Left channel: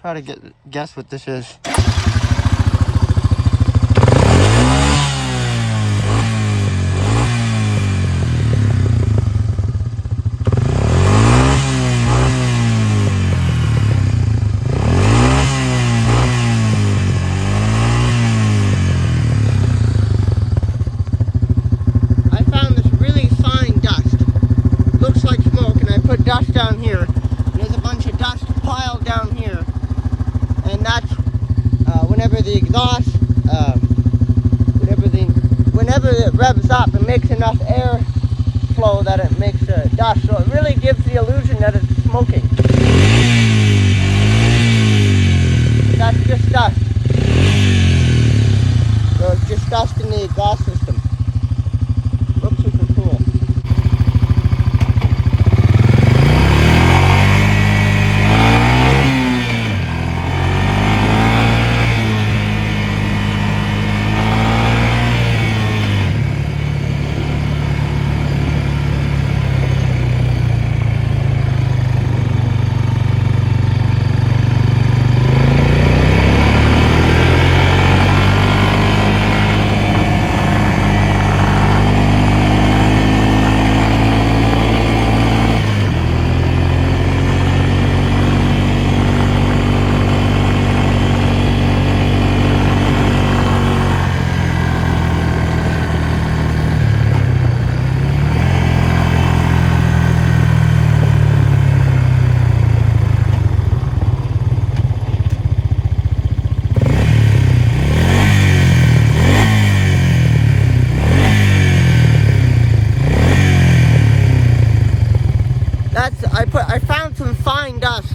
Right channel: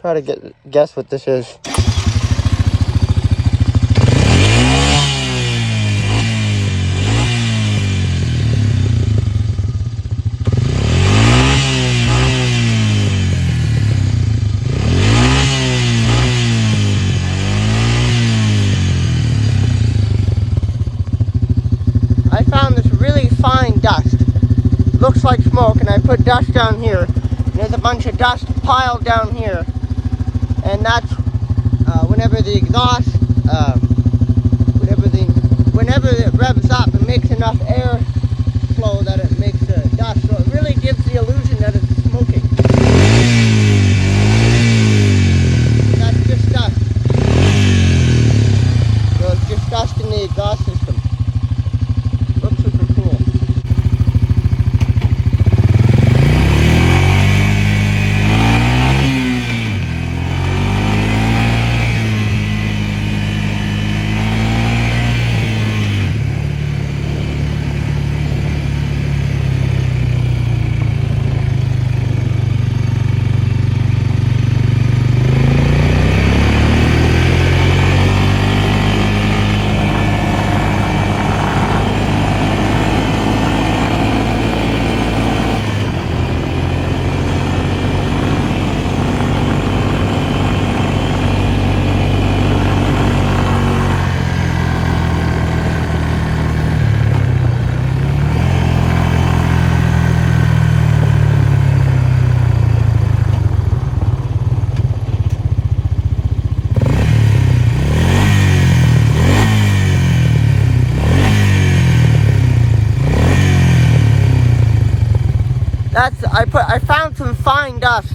Try to guess what this is. I found this really fine dust. Looks like smoke, and I put dust down here. There's a bunch of dust piled down here. And that's whenever the exhaust, whenever it revs up, it makes enough air flow that it makes dust. So it really gives the illusion that it's smoking. That's just dust. So it's just dust in the exhaust system. Looks super cool. I found some fine dust.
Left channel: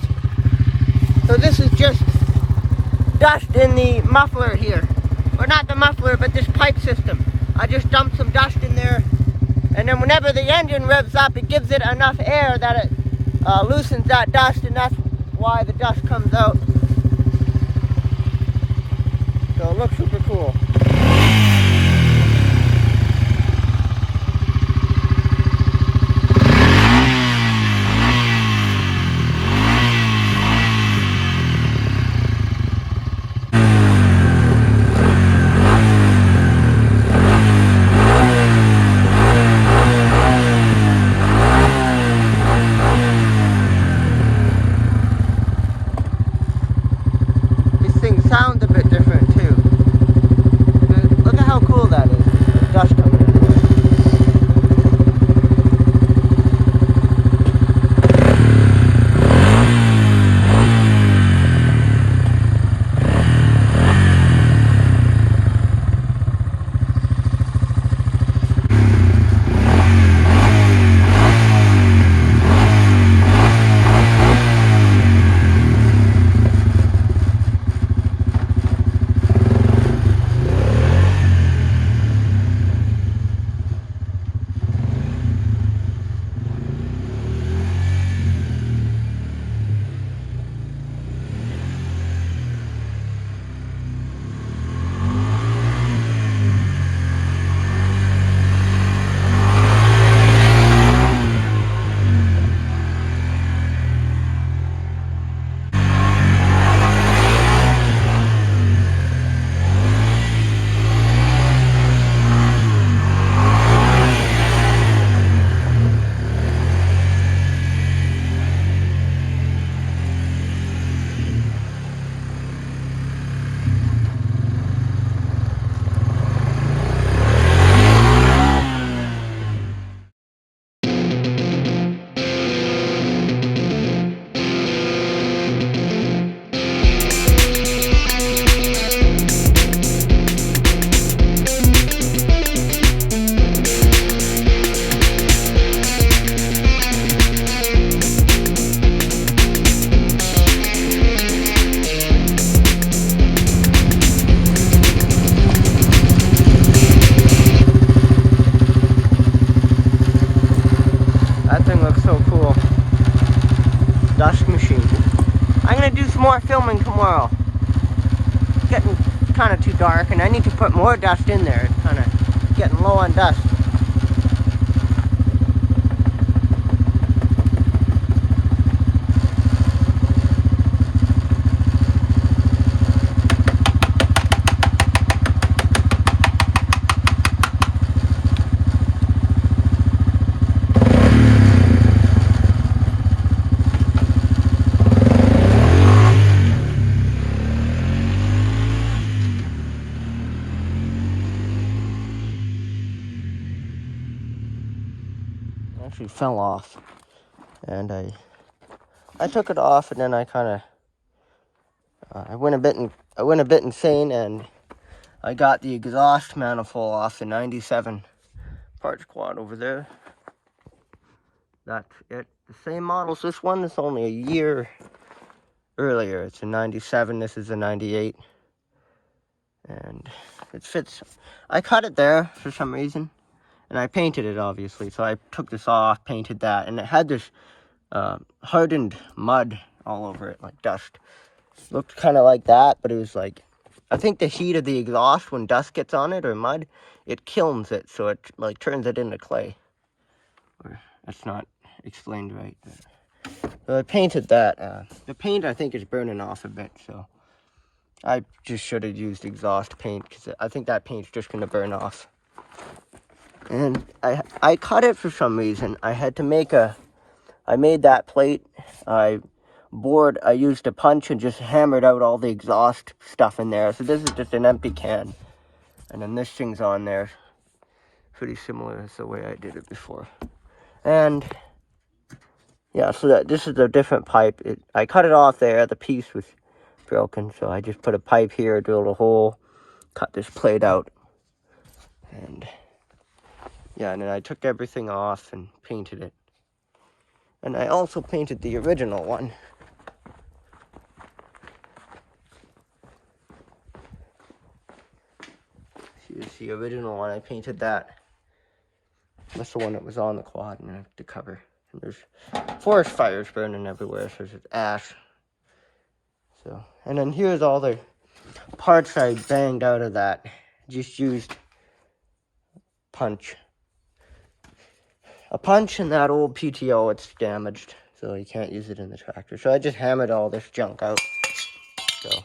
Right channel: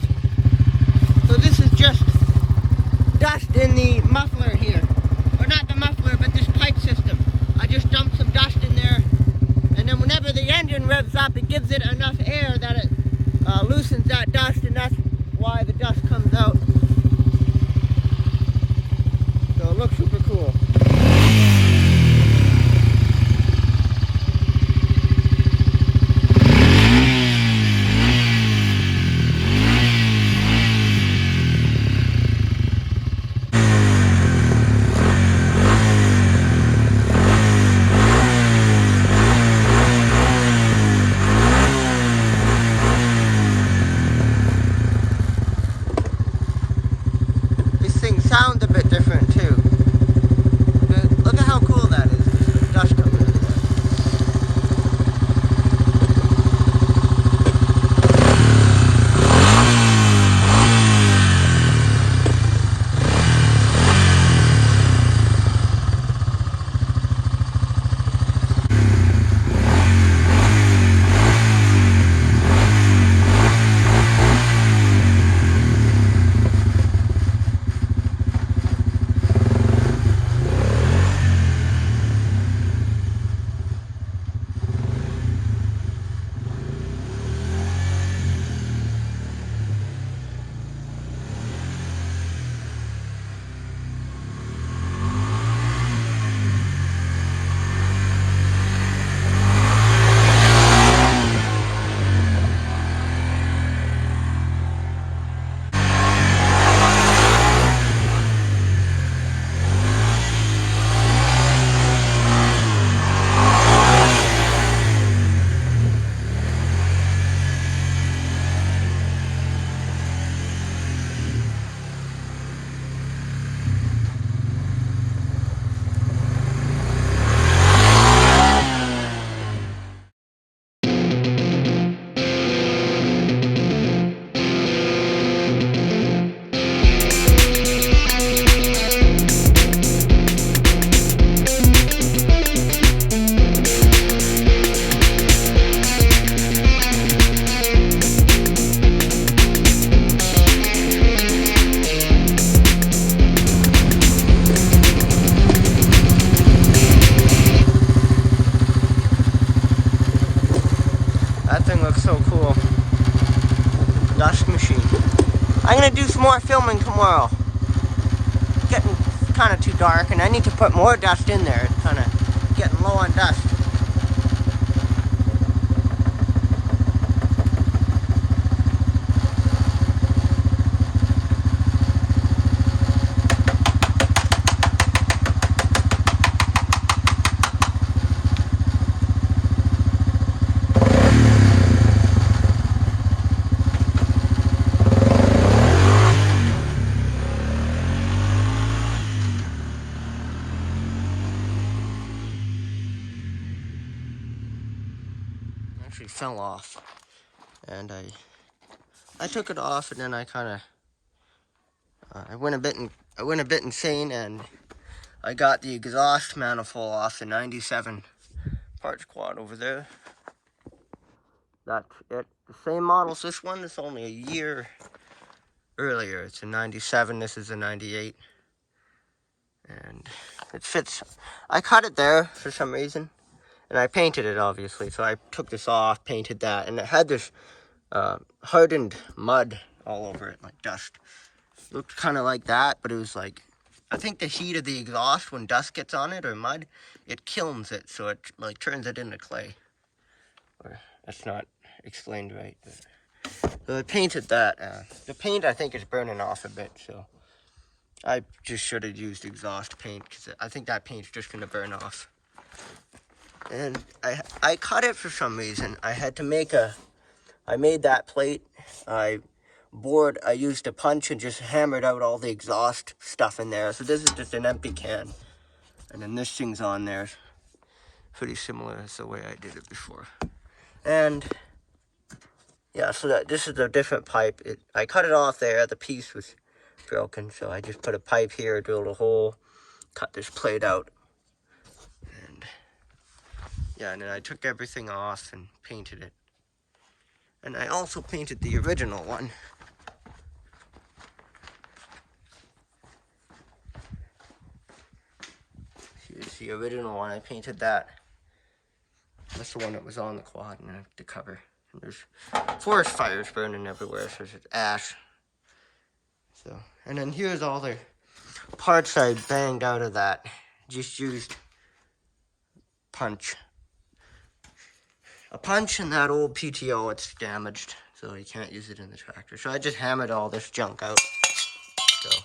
So this is just dust in the muffler here. Or not the muffler, but this pipe system. I just dumped some dust in there. And then whenever the engine revs up, it gives it enough air that it loosens that dust, and that's why the dust comes out. So it looks super cool. Sounds a bit different too. Look at how cool that is. Dust. Dust machine. I'm gonna do some more filming tomorrow. It's getting kind of too dark, and I need to put more dust in there. It's kind of getting low on dust. actually fell off, and I took it off, and then I kind of I went a bit insane, and I got the exhaust manifold off the 97 parts quad over there. That's it. The same model as this one. It's only a year earlier. It's a 97. This is a 98. And it fits. I cut it there for some reason. And I painted it, obviously. So I took this off, painted that. And it had this hardened mud all over it, like dust. Looked kind of like that, but it was like, I think the heat of the exhaust, when dust gets on it or mud, it kilns it. So it like turns it into clay. Or it's not explained right. So I painted that. The paint, I think, is burning off a bit. So I just should have used exhaust paint, because I think that paint's just going to burn off. And I cut it for some reason. I had to make I made that plate. I used a punch and just hammered out all the exhaust stuff in there. So this is just an empty can. And then this thing's on there. Pretty similar to the way I did it before. And yeah, so this is a different pipe. I cut it off there. The piece was broken. So I just put a pipe here, drilled a hole, cut this plate out. And yeah, and then I took everything off and painted it. And I also painted the original one. Here's the original one. I painted that. That's the one that was on the quad and the cover. And there's forest fires burning everywhere, so there's ash. So, and then here's all the parts I banged out of that. Just used punch. A punch in that old PTO, it's damaged, so you can't use it in the tractor. So I just hammered all this junk out. So, and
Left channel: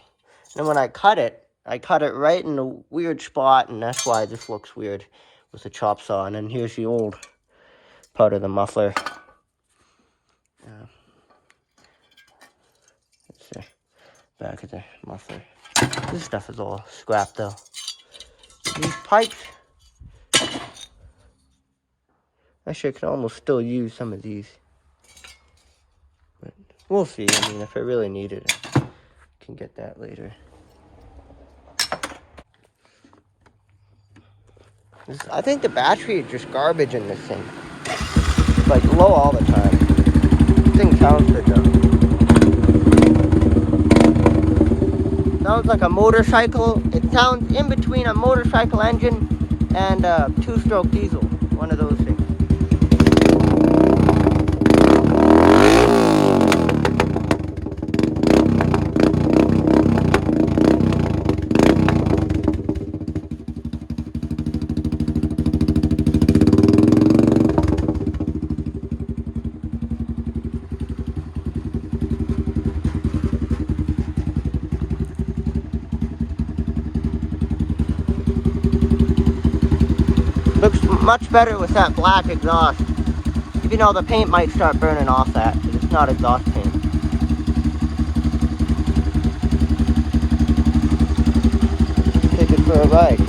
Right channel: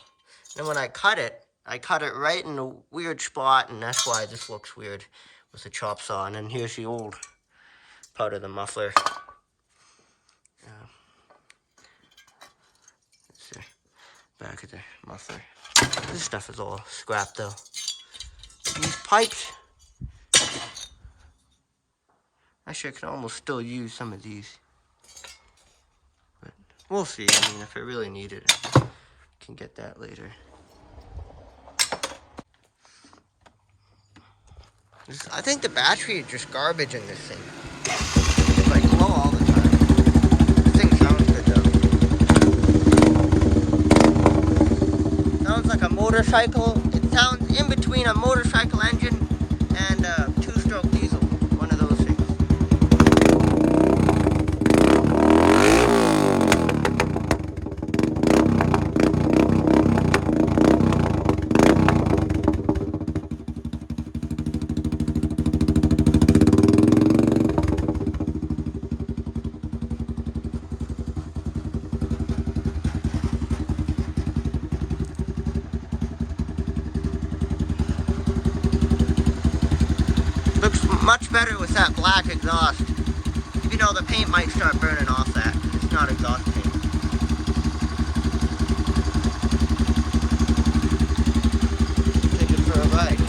then when I cut it right in a weird spot, and that's why this looks weird with the chop saw. And then here's the old part of the muffler. That's the back of the muffler. This stuff is all scrap though. These pipes, actually I could almost still use some of these. But we'll see. I mean, if I really need it, I can get that later. I think the battery is just garbage in this thing. It's like low all the time. This thing sounds good though. Sounds like a motorcycle. It sounds in between a motorcycle engine and a two-stroke diesel. One of those things. Looks much better with that black exhaust. You know, the paint might start burning off that, because it's not exhaust paint. Take it for a ride.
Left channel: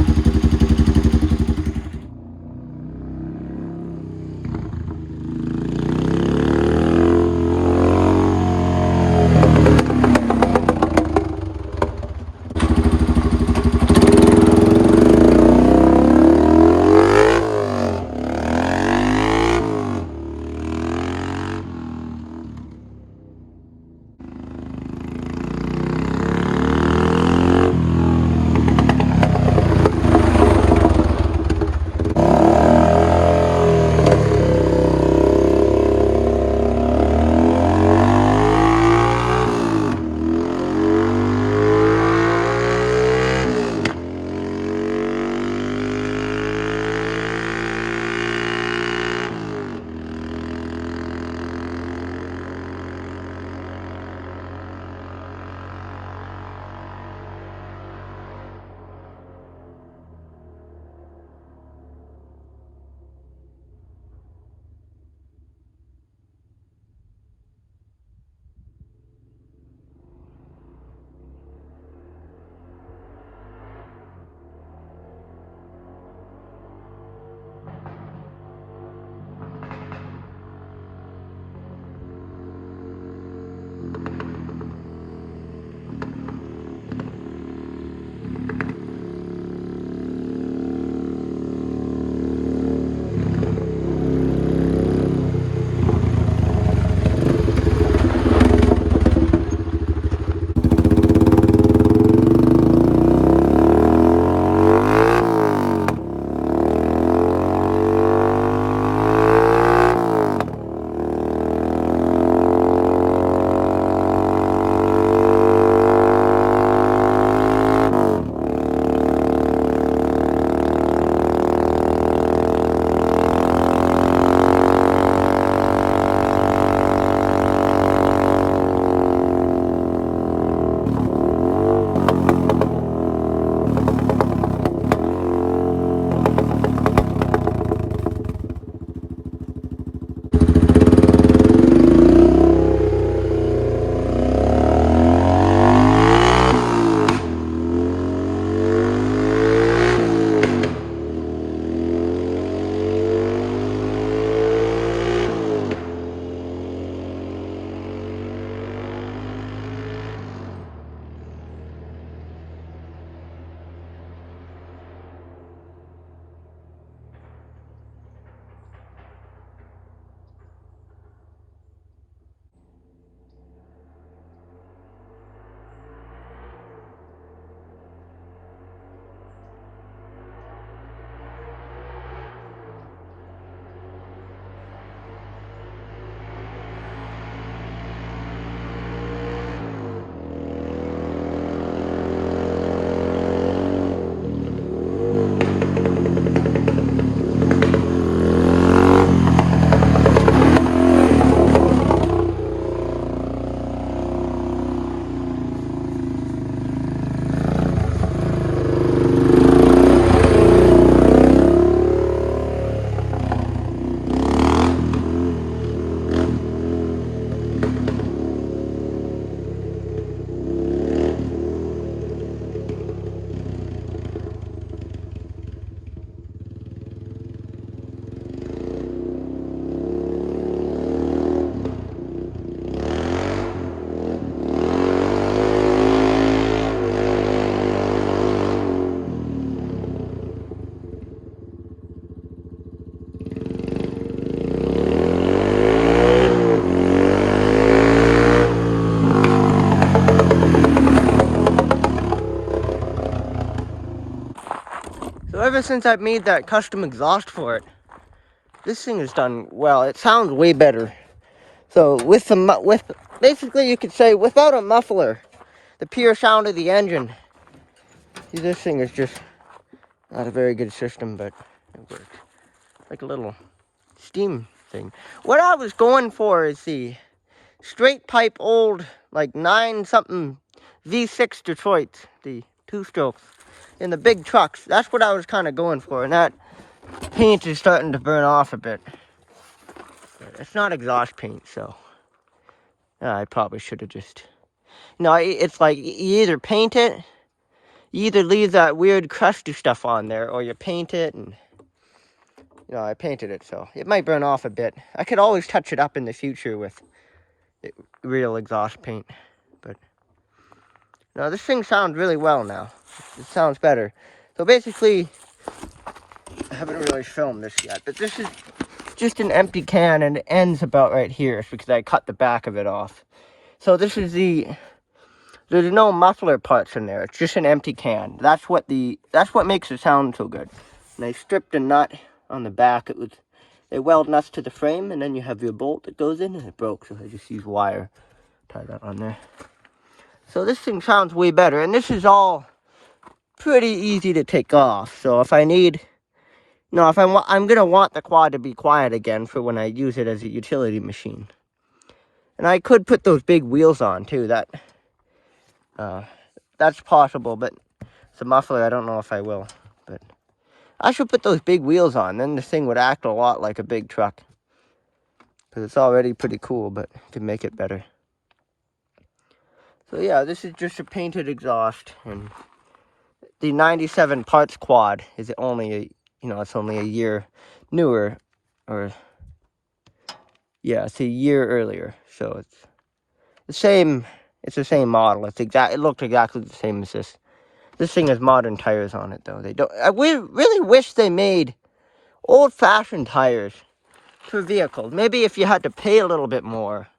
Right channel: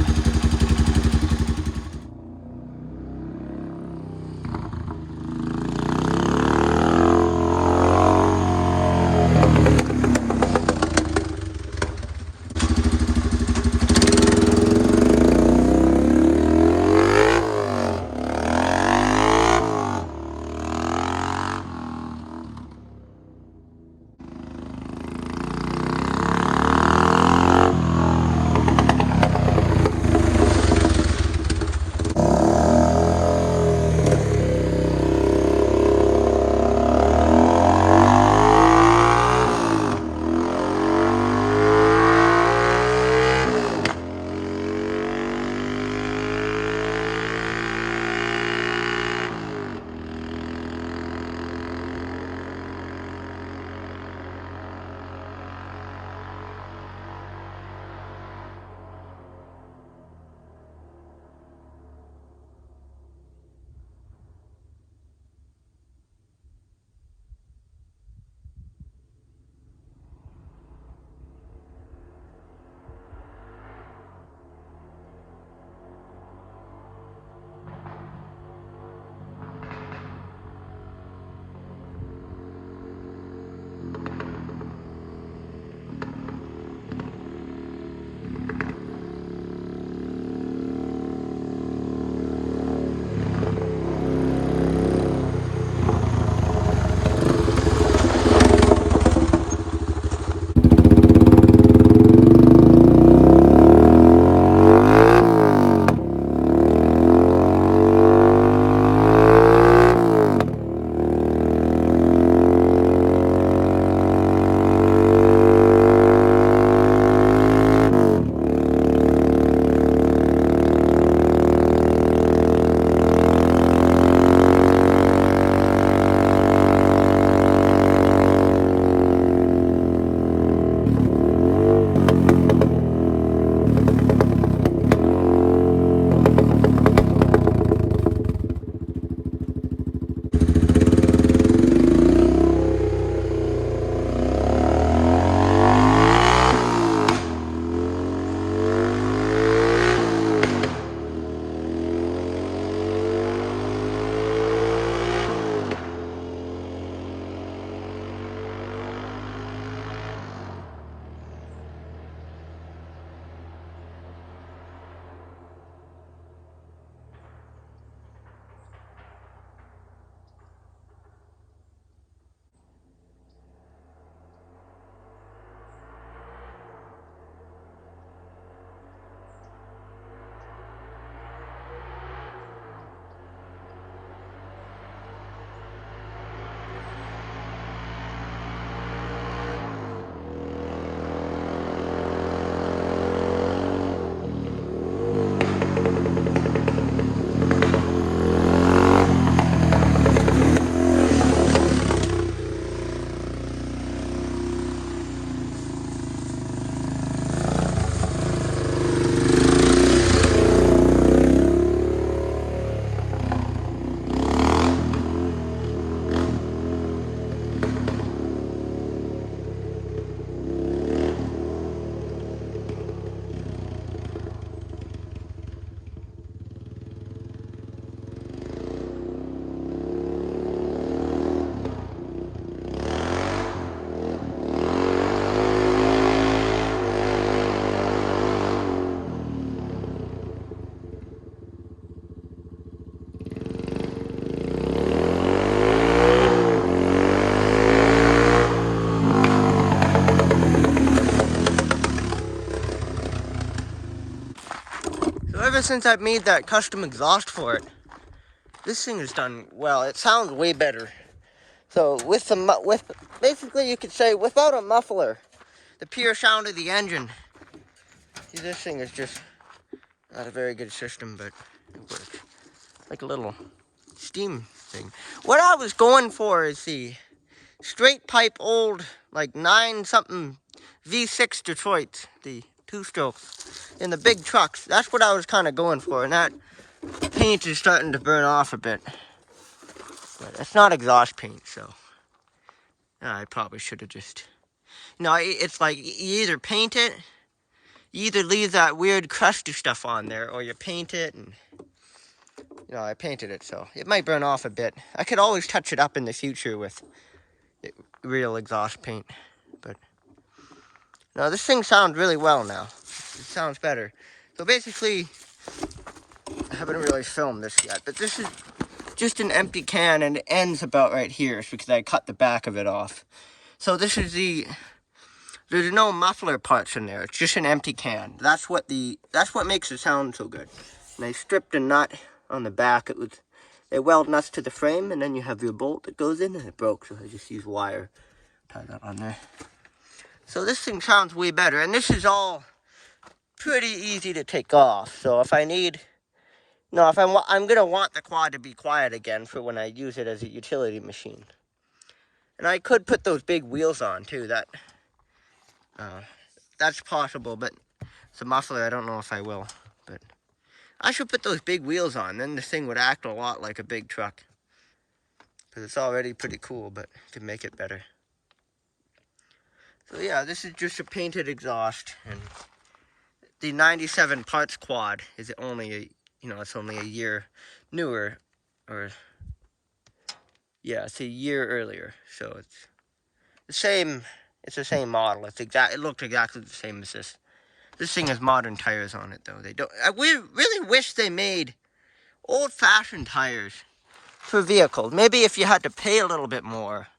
ever since I made that custom exhaust for it, this thing has done well. It sounds way better. So with basically you could say without a muffler, the pure sound of the engine, this thing is just not a very good system, but it works. Like a little steam thing. What I was going for is the straight pipe old, like 9-something V6 Detroit, the 2-strokes in the big trucks. That's what I was kind of going for, and that paint is starting to burn off a bit. But it's not exhaust paint, so I probably should have just... it's like you either paint it, you either leave that weird crusty stuff on there, or you paint it, and I painted it, so it might burn off a bit. I could always touch it up in the future with real exhaust paint, but no, this thing sounds really well now. It sounds better. So basically, I haven't really filmed this yet, but this is just an empty can, and it ends about right here because I cut the back of it off. So this is there's no muffler parts in there. It's just an empty can. That's what makes it sound so good. And I stripped a nut on the back. They weld nuts to the frame, and then you have your bolt that goes in, and it broke, so I just used wire. Tie that on there. So this thing sounds way better, and this is all pretty easy to take off. So if I need, I'm gonna want the quad to be quiet again for when I use it as a utility machine. And I could put those big wheels on too. That's possible, but it's a muffler. I don't know if I will, but I should put those big wheels on. Then the thing would act a lot like a big truck. Because it's already pretty cool, but to make it better. So yeah, this is just a painted exhaust, and the 97 parts quad is only it's only a year newer, or yeah, it's a year earlier. So it's the same. It's the same model. It looked exactly the same as this. This thing has modern tires on it, though. I really wish they made old-fashioned tires for vehicles. Maybe if you had to pay a little bit more.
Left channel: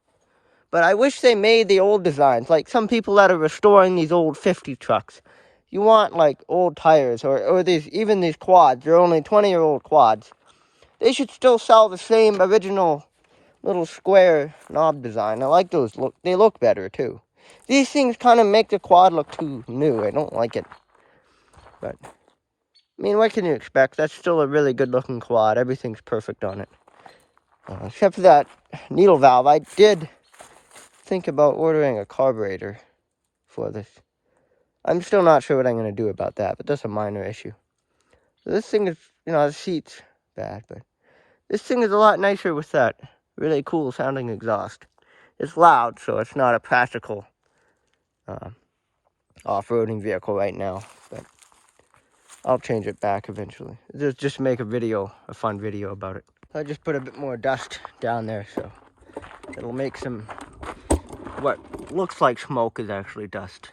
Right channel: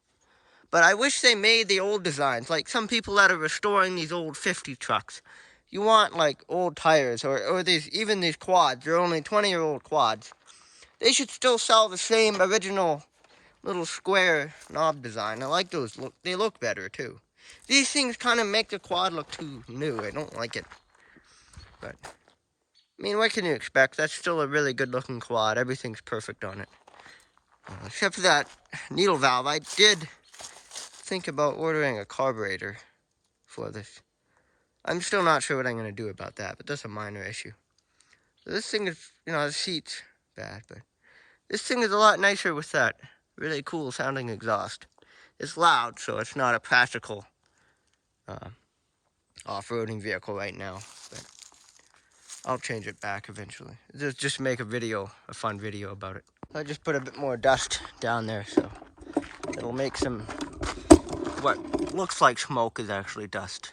But I wish they made the old designs. Like some people that are restoring these old 50 trucks. You want like old tires, or even these quads. They're only 20-year-old quads. They should still sell the same original little square knob design. I like those. They look better too. These things kind of make the quad look too new. I don't like it. But I mean, what can you expect? That's still a really good-looking quad. Everything's perfect on it. Except for that needle valve. I did think about ordering a carburetor for this. I'm still not sure what I'm going to do about that, but that's a minor issue. So this thing is, the seat's bad, but this thing is a lot nicer with that really cool sounding exhaust. It's loud, so it's not a practical off-roading vehicle right now, but I'll change it back eventually. Just make a fun video about it. I just put a bit more dust down there, so it'll make what looks like smoke is actually dust.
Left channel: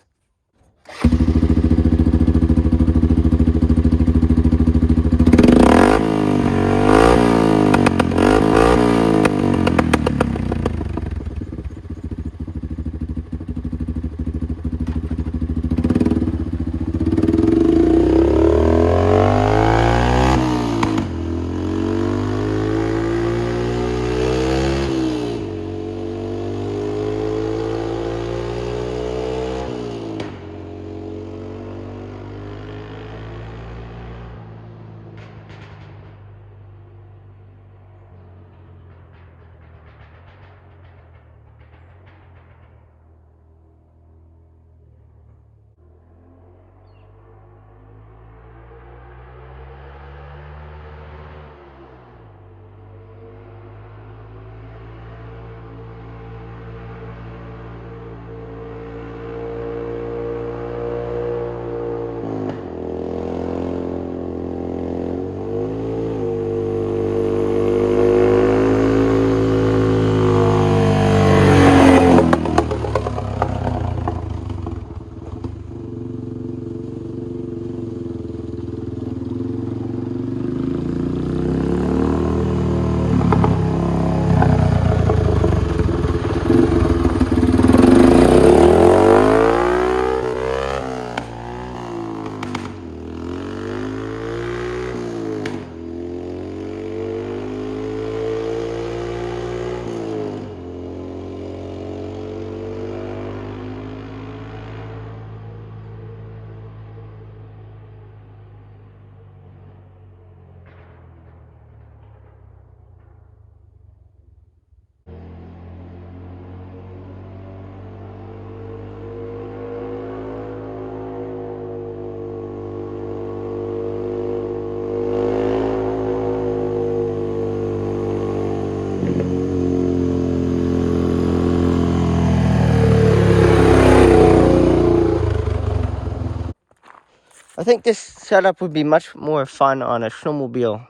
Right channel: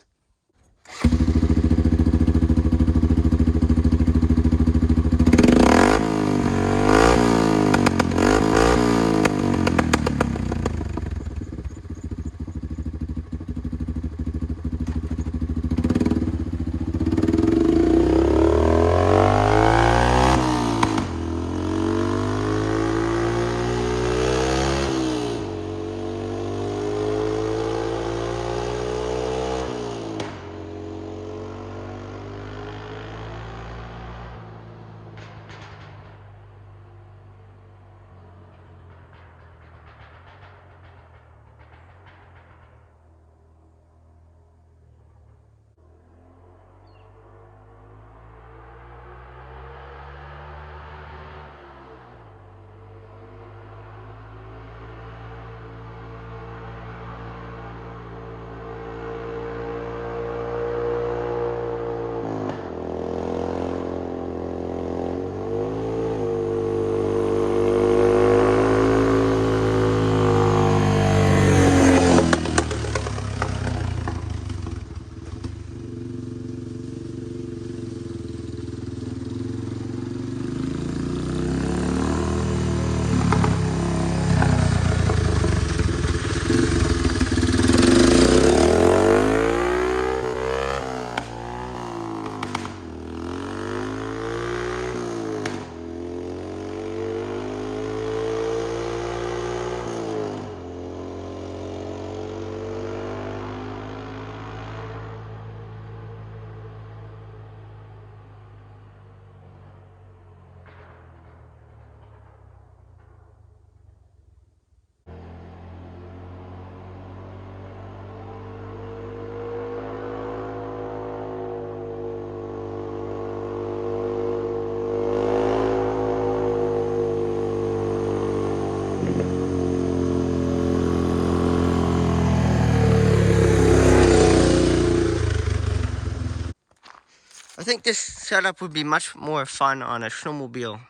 think this setup would be much more fun on a snowmobile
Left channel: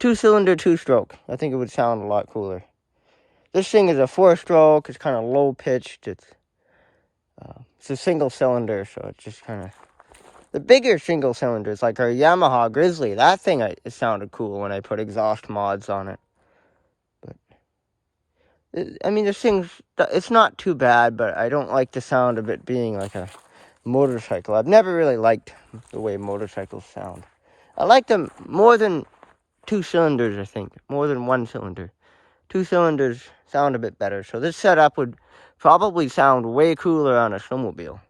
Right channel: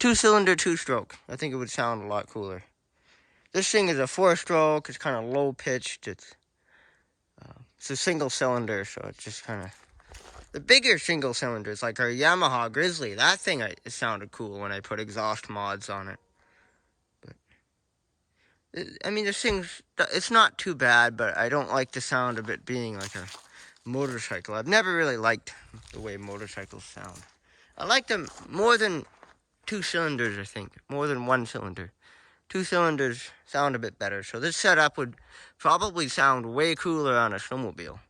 two-cylinder two-stroke. I think it would sound a lot cooler. This thing is a 4-stroke. It's kind of low-pitched. It's a single cylinder, so it's just kind of... The bigger single cylinders, like our Yamaha Grizzly, that thing, it sounded cool when I put exhaust mods on it. But, I mean, this thing's... It's not too bad, but I don't like the sound of it being like a motorcycle. I've never really liked the way motorcycles sound. I like them more than 2 cylinders, I think. More than 1 cylinder. 2 cylinders sound a bit better. So this setup would probably sound way cooler on a snowmobile.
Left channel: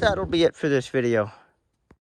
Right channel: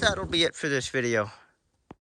That'll be it for this video.